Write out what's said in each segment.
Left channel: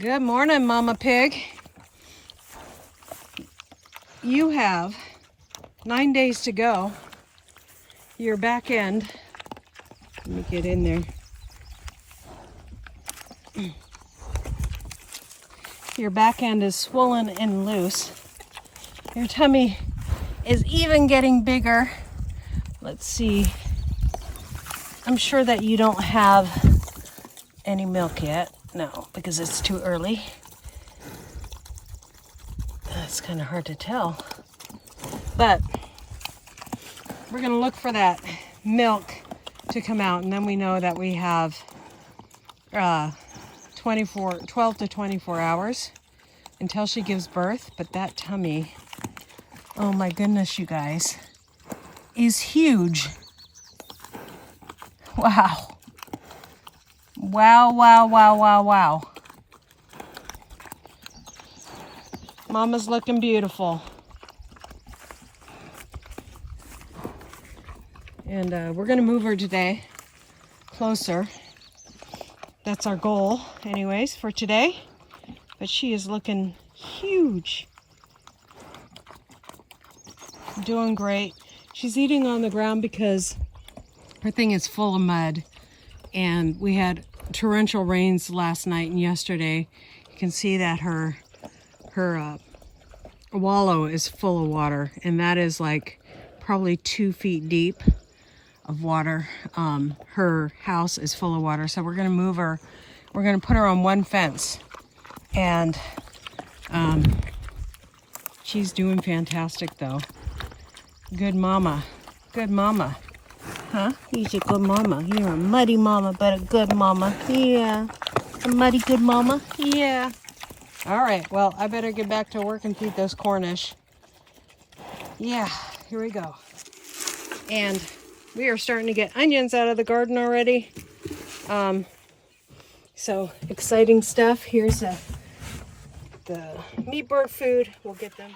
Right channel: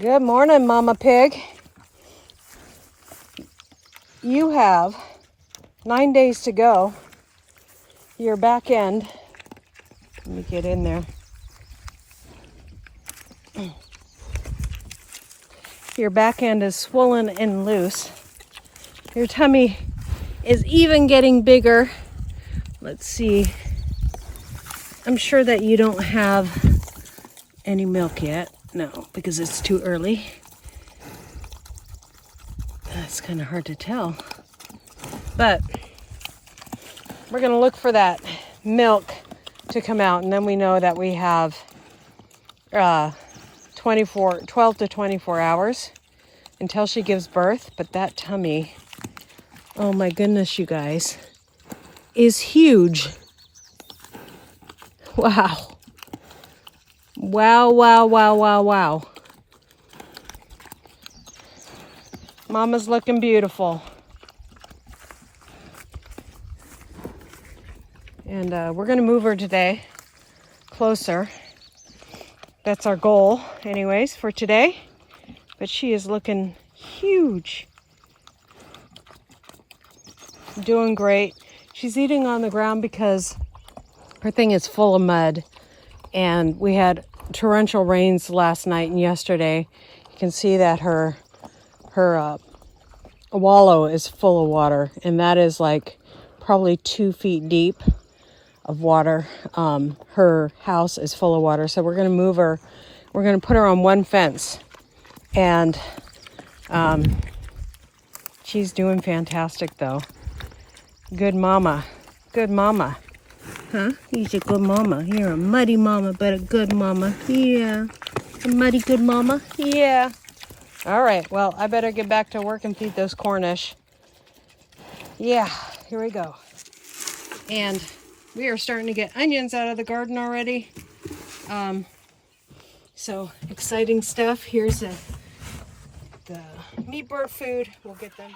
Good morning, Mama Pig. You have 9 days to go. Your back end, let me get in there. Your back end is swollen and loose. Your tummy is even getting bigger. Let's see. I'm sure that you don't have any milk yet. No, because it's too early. It's kind of hard to tell. But we're going to look for that milk to come out, and then we know that we have 12 to 24 hours until she gives birth. But that tummy, oh my goodness, you guys, is huge. Wow. Wow, wow, wow, wow, wow. Mama's looking beautiful. And we're going to move her today closer. That's our goal, anyways, for today. But she is looking huge. Doing great. She's eating on the ground because her thing is full of mud. And we had torrential rains last night and yesterday. You can see that her wallow is full of water, and that is like probably 2 feet deep of water. Her house is full of water, so we're going to move her. We're going to put her on one fence, and she's doing fantastic though. Good mama. Good mama. Huh? You're a good mama. You're a muddy mama, but a good mama. Yeah. A muddy good mama. Yeah. All right. Well, I better get back to work and feed those Cornish. Yeah. Here we go. And we are starting to get onions out of the garden already. So exciting stuff. Here's the meat bird food. We'll get them.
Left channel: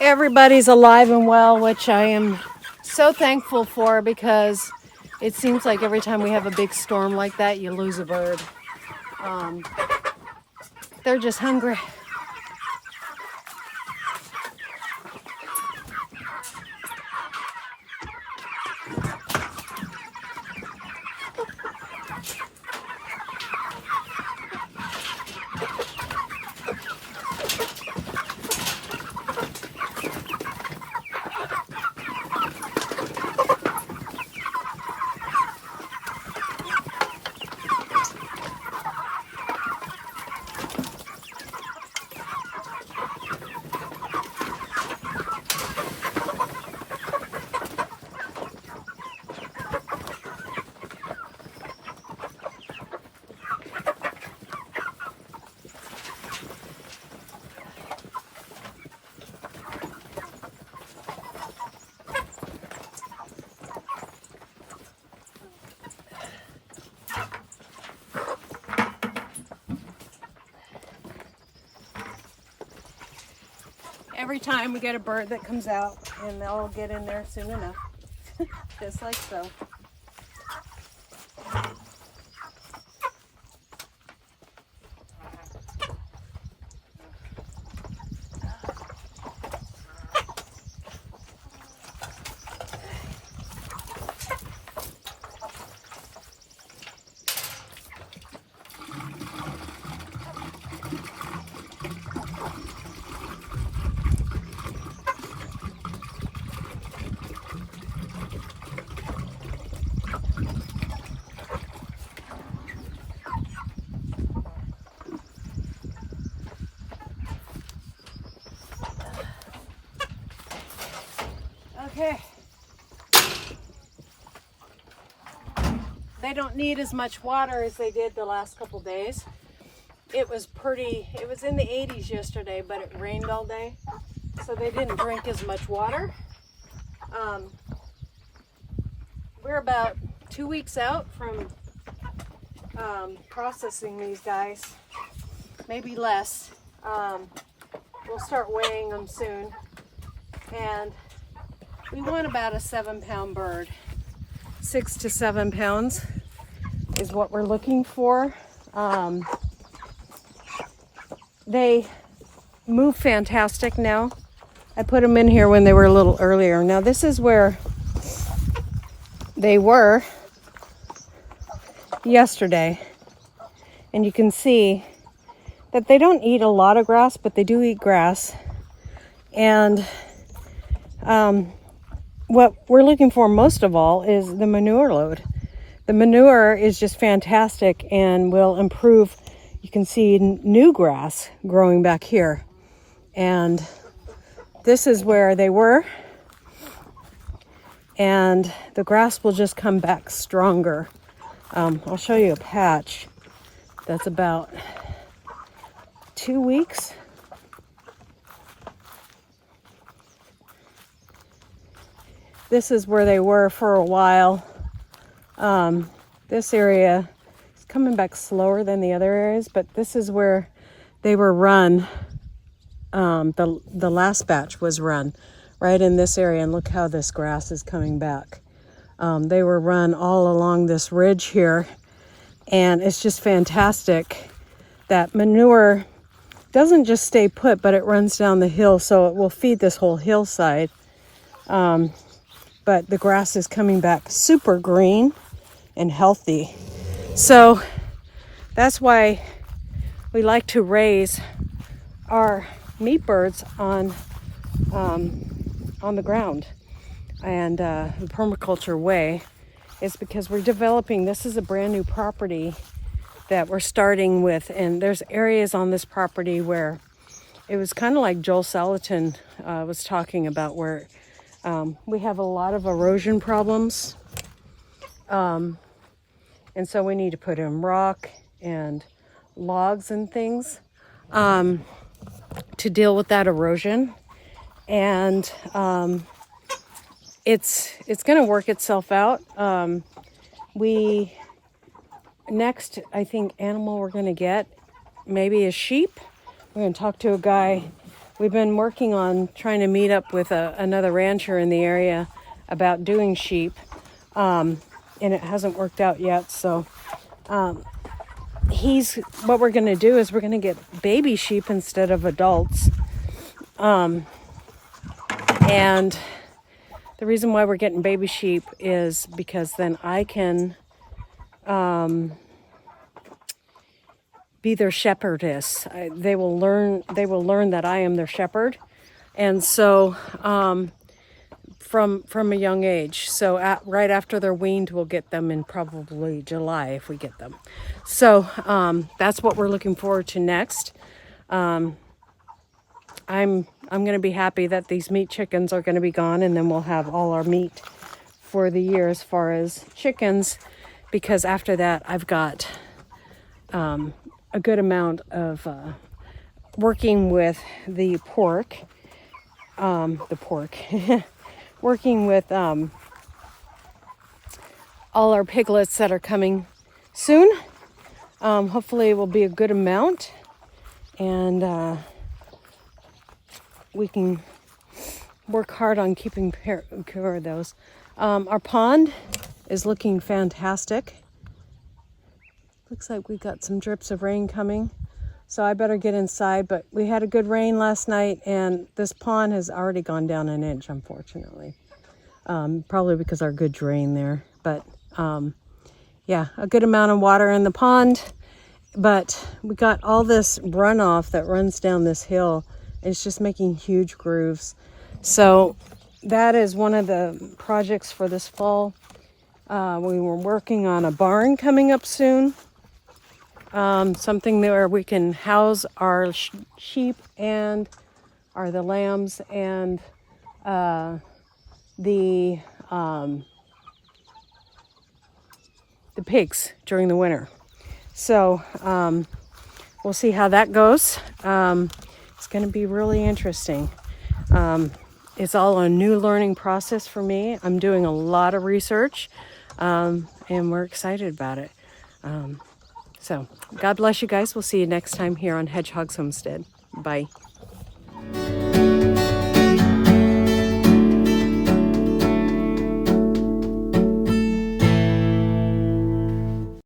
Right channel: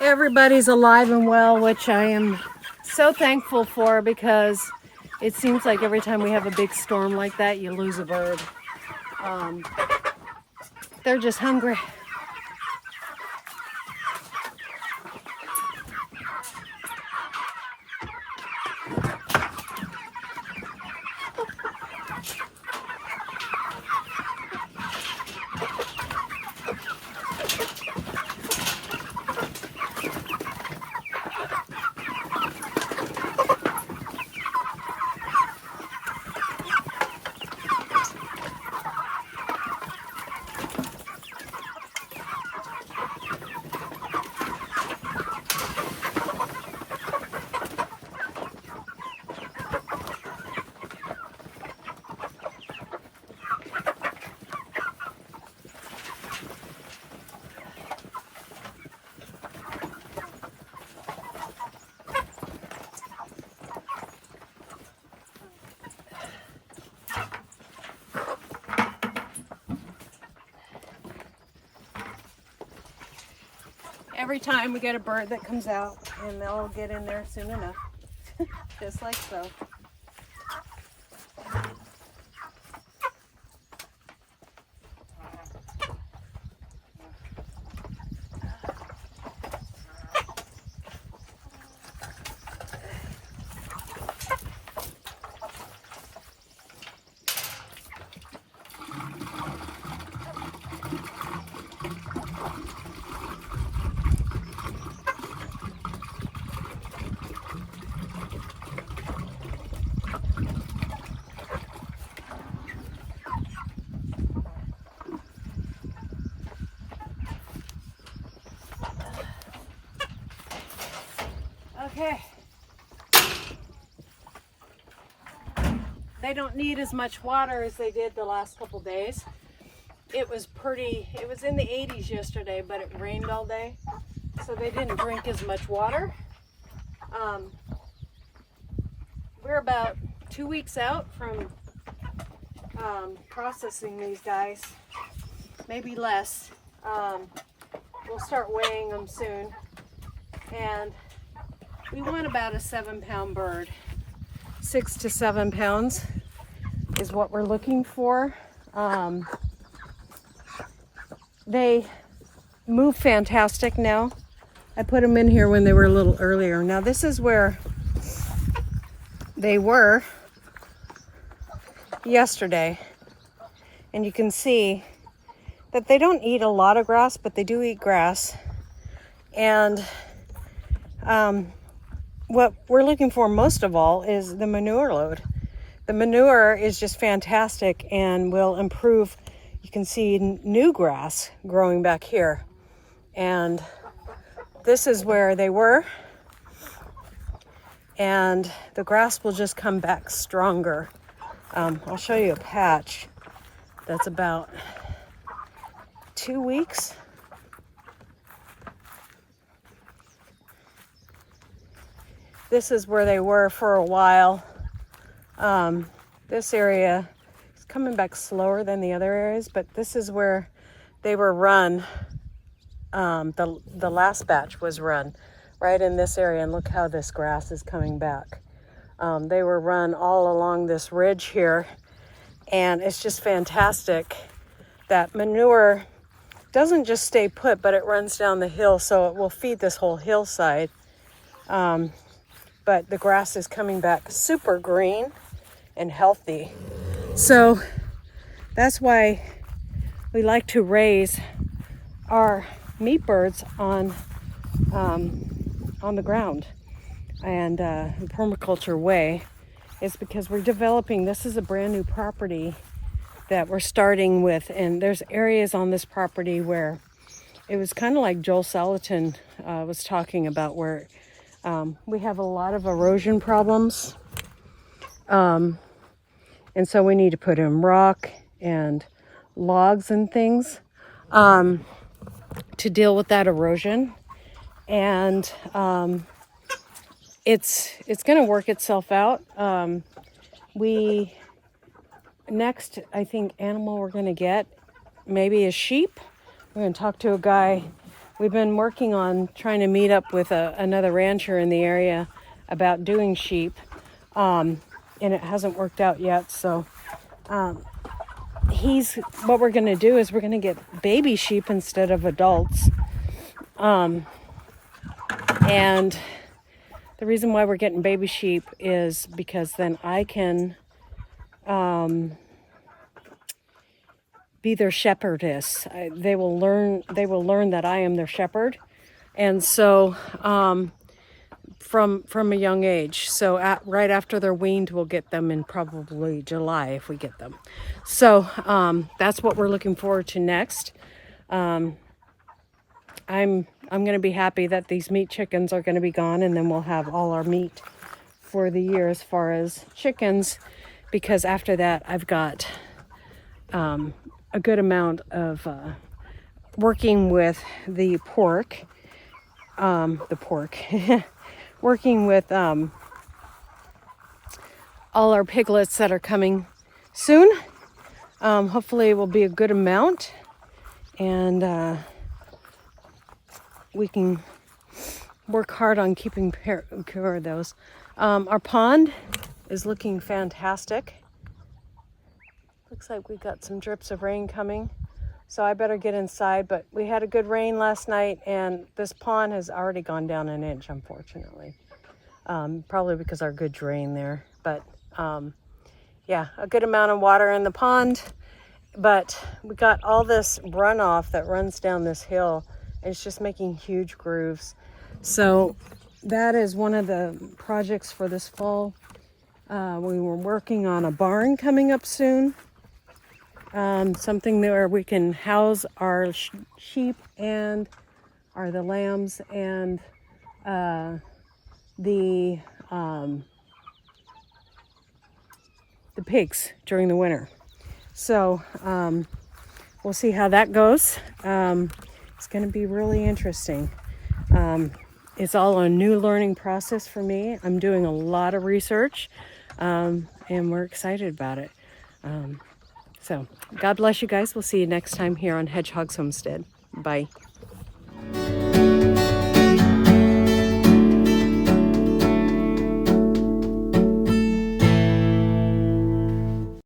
Everybody's alive and well, which I am so thankful for, because it seems like every time we have a big storm like that, you lose a bird. They're just hungry. Every time we get a bird that comes out, and they'll get in there soon enough. Just like so. Okay. they don't need as much water as they did the last couple days. It was in the 80s yesterday, but it rained all day, so they didn't drink as much water. We're about 2 weeks out from processing these guys, maybe less. We'll start weighing them soon, and we want about a 7-pound bird. 6 to 7 pounds is what we're looking for. They move fantastic now. I put them in here when they were a little earlier. Now this is where they were yesterday, and you can see that they don't eat a lot of grass, but they do eat grass. And what we're looking for most of all is the manure load. The manure is just fantastic and will improve. You can see new grass growing back here, and this is where they were, and the grass will just come back stronger. I'll show you a patch that's about 2 weeks. This is where they were for a while. This area is coming back slower than the other areas, but this is where they were run. The last batch was run right in this area, and look how this grass is coming back. They were run all along this ridge here, and it's just fantastic. That manure doesn't just stay put, but it runs down the hill, so it will feed this whole hillside. But the grass is coming back super green and healthy. So that's why we like to raise our meat birds on the ground. And the permaculture way is because we're developing, this is a brand new property that we're starting with, and there's areas on this property where it was kind of like Joel Salatin was talking about, where we have a lot of erosion problems, and so we need to put in rock and logs and things to deal with that erosion. And it's going to work itself out. Next, I think, animal we're going to get maybe a sheep. We're going to talk to a guy. We've been working on trying to meet up with another rancher in the area about doing sheep, and it hasn't worked out yet. So what we're going to do is we're going to get baby sheep instead of adults. And the reason why we're getting baby sheep is because then I can be their shepherdess. They will learn that I am their shepherd, and so from a young age. So right after they're weaned, we'll get them in probably July if we get them. So that's what we're looking forward to next. I'm going to be happy that these meat chickens are going to be gone, and then we'll have all our meat for the year as far as chickens, because after that I've got a good amount of working with the pork, working with all our piglets that are coming soon. Hopefully it will be a good amount, and we can work hard on keeping care of those. Our pond is looking fantastic. Looks like we got some drips of rain coming, so I better get inside. But we had a good rain last night, and this pond has already gone down an inch, unfortunately. Probably because our good drain there. But yeah, a good amount of water in the pond. But we got all this runoff that runs down this hill. It's just making huge grooves. So that is one of the projects for this fall. We were working on a barn coming up soon. Something where we can house our sheep and the lambs and the the pigs during the winter. So we'll see how that goes. It's going to be really interesting. It's all a new learning process for me. I'm doing a lot of research, and we're excited about it. So God bless you guys. We'll see you next time here on Hedgehog's Homestead. Bye.